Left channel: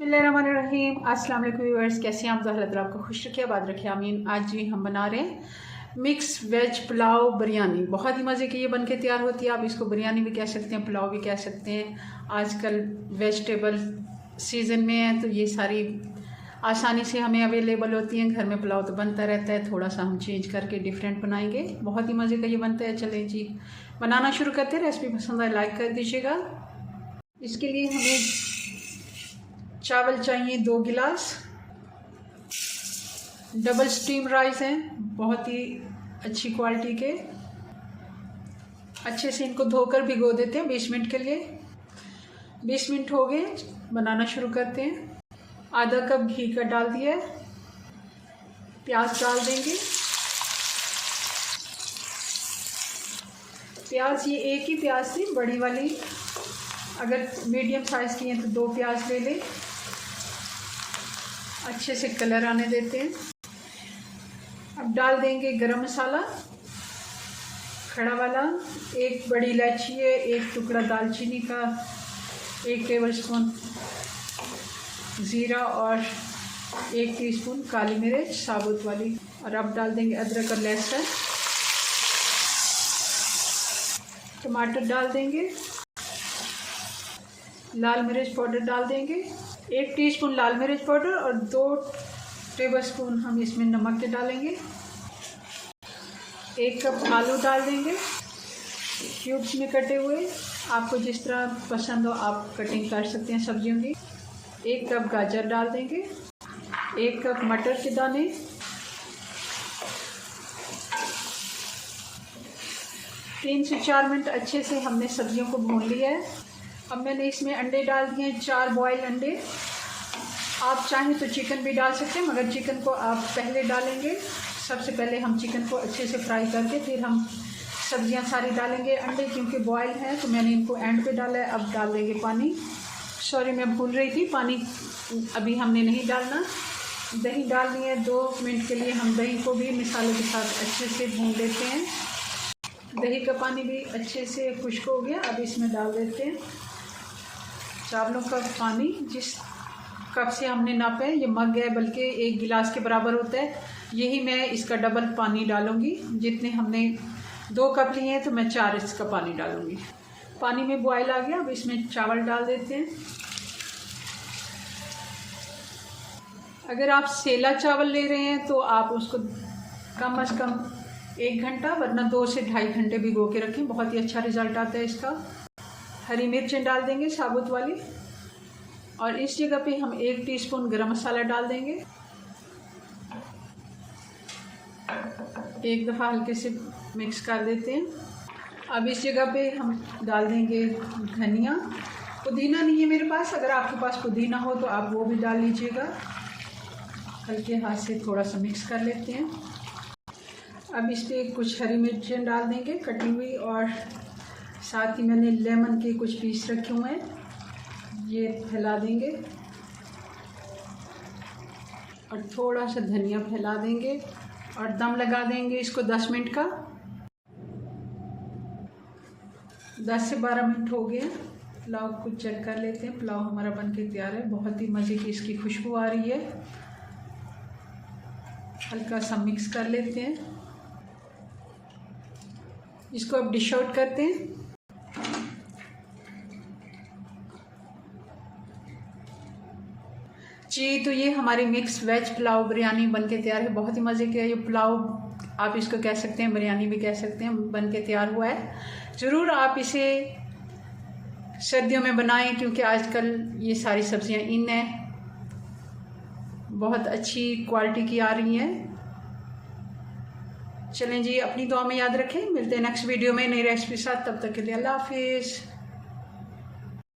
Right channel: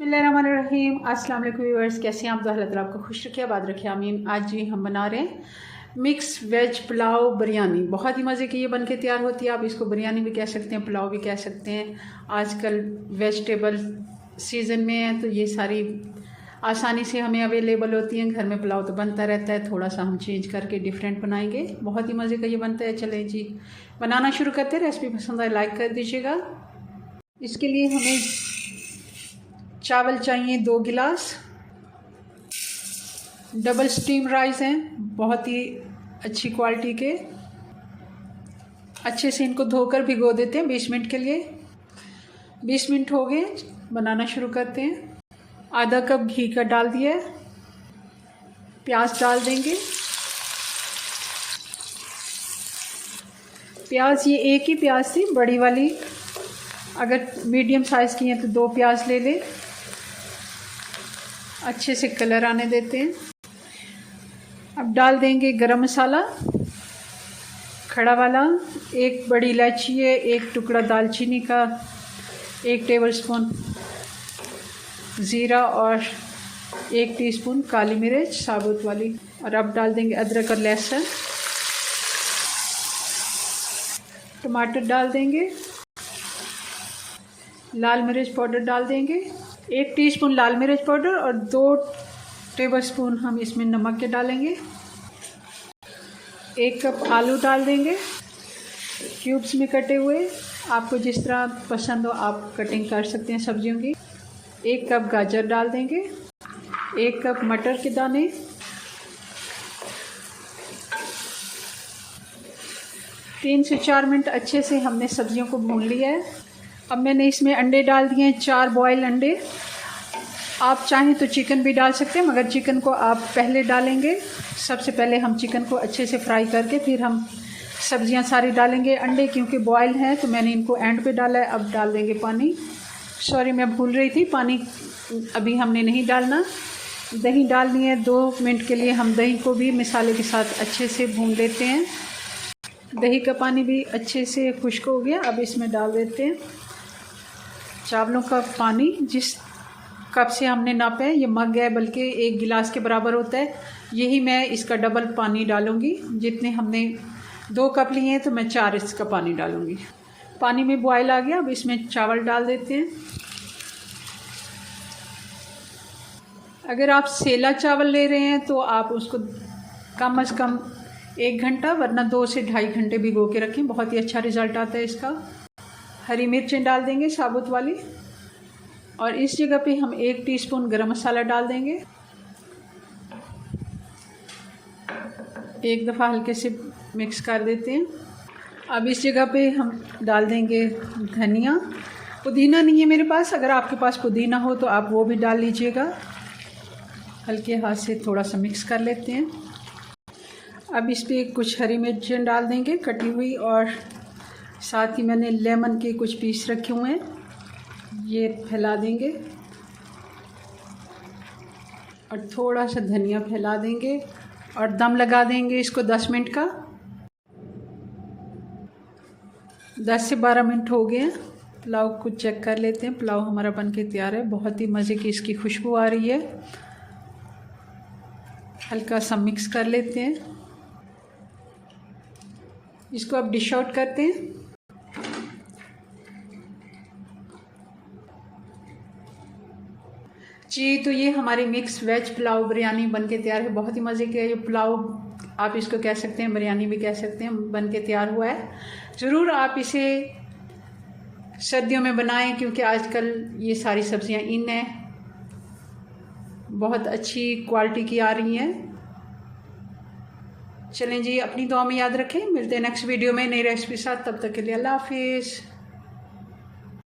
बिस्मिल्लाहिर्रहमानिर्रहीम। अस्सलाम वालेकुम व्यूअर्स, कैसे हैं आप? अल्लाह ताला आपको खुश रखे, आबाद रखे, आमीन। आज भी हम बना रहे हैं मिक्स वेज पुलाव बिरयानी। बहुत ही मज़े की ये बन के तैयार होती है। आप इसको बिरयानी भी कह सकते हैं, पुलाव भी कह सकते हैं। आजकल वेजिटेबल सीज़न में है तो ये सारी आसानी से हमें अवेलेबल होती हैं। घर में पुलाव तो बनता रहता है, थोड़ा सा हम चेंज करके डिफरेंट बनाएंगे। बहुत ही मज़े का ये बनता है। चलें जी, बनाना शुरू करते हैं। रेसिपी पसंद आए लाइक कर दीजिएगा। इसके लिए हमें चावल चाहिए 2 गिलास। डबल स्टीम राइस हैं, बहुत ही अच्छी क्वालिटी के। अच्छे से इनको धोकर भिगो देते हैं 20 मिनट के लिए। 20 मिनट हो गए, बनाना शुरू करते हैं। आधा कप घी का डाल दिया है। प्याज डाल देंगे। प्याज ये एक ही प्याज थी, बड़ी वाली। अगर मीडियम साइज़ की हैं तो 2 प्याज ले लें। अच्छे से कलर आने देते हैं। अब डाल देंगे गरम मसाला खड़ा वाला, 1 बड़ी इलायची है, 1 टुकड़ा दालचीनी का, 1 टेबलस्पून ज़ीरा और 1 टीस्पून काली मिर्च साबुत वाली। और अब डाल देंगे अदरक और लहसुन। टमाटर डाल देंगे। लाल मिर्च पाउडर डाल देंगे, 1 टीस्पून लाल मिर्च पाउडर और 2 टेबलस्पून हम इसमें नमक के डालेंगे। 1 कप आलू डाल देंगे, क्यूब्स में कटे हुए। आपको जिस तरह पसंद हो आप कटिंग कर सकते हैं सब्जियों की। 1 कप गाजर डाल देंगे, 1 कप मटर के दाने, 3 से 4 मिनट अच्छे से हमने सब्जियों को भून लिया है। अब मैंने इसमें अंडे डाल दिए हैं, 4 बॉयल अंडे। आप चाहें तो चिकन भी डाल सकते हैं, मगर चिकन को आप पहले डालेंगे। सबसे पहले हम चिकन को अच्छे से फ्राई करके फिर हम सब्जियां सारी डालेंगे। अंडे क्योंकि बॉयल हैं तो मैंने इनको एंड पे डाला है। अब डाल देंगे पानी। सॉरी, मैं भूल रही थी, पानी अभी हमने नहीं डालना। दही डालनी है 2 मिनट के लिए। हम दही को भी मसाले के साथ अच्छे से भून लेते हैं। दही का पानी भी अच्छे से खुश्क हो गया। अब इसमें डाल देते हैं चावलों का पानी। जिस कप से हमने नापा है, ये मग है, बल्कि 1 गिलास के बराबर होता है। यही मैं इसका डबल पानी डालूँगी। जितने हमने 2 कप लिए हैं तो मैं 4 इसका पानी डालूँगी। पानी में बॉयल आ गया। अब इसमें चावल डाल देते हैं। अगर आप सेला चावल ले रहे हैं तो आप उसको कम से कम 1 घंटा, वरना 2 से ढाई घंटे भिगो के रखें। बहुत ही अच्छा रिज़ल्ट आता है इसका। हरी मिर्चें डाल देंगे साबुत वाली। और इस जगह पे हम 1 टीस्पून गरम मसाला डाल देंगे। एक दफ़ा हल्के से मिक्स कर देते हैं। अब इस जगह पे हम डाल देंगे धनिया। पुदीना नहीं है मेरे पास, अगर आपके पास पुदीना हो तो आप वो भी डाल लीजिएगा। हल्के हाथ से थोड़ा सा मिक्स कर लेते हैं। अब इस पर कुछ हरी मिर्चें डाल देंगे कटी हुई, और साथ ही मैंने लेमन के कुछ पीस रखे हुए हैं, ये फैला देंगे। और थोड़ा सा धनिया फैला देंगे और दम लगा देंगे इसको 10 मिनट का। 10 से 12 मिनट हो गए। पुलाव को चेक कर लेते हैं। पुलाव हमारा बनके तैयार है। बहुत ही मज़े की इसकी खुशबू आ रही है। हल्का सा मिक्स कर लेते हैं। इसको अब डिश आउट करते हैं। जी, तो ये हमारी मिक्स वेज पुलाव बिरयानी बनके तैयार है। बहुत ही मज़े की है ये पुलाव। आप इसको कह सकते हैं, बिरयानी भी कह सकते हैं। बनके तैयार हुआ है। ज़रूर आप इसे सर्दियों में बनाएं, क्योंकि आजकल ये सारी सब्जियां इन हैं, बहुत अच्छी क्वालिटी की आ रही हैं। चलें जी, अपनी दुआ में याद रखें। मिलते हैं नेक्स्ट वीडियो में नई रेसिपी साथ। तब तक के लिए अल्लाह हाफिज़।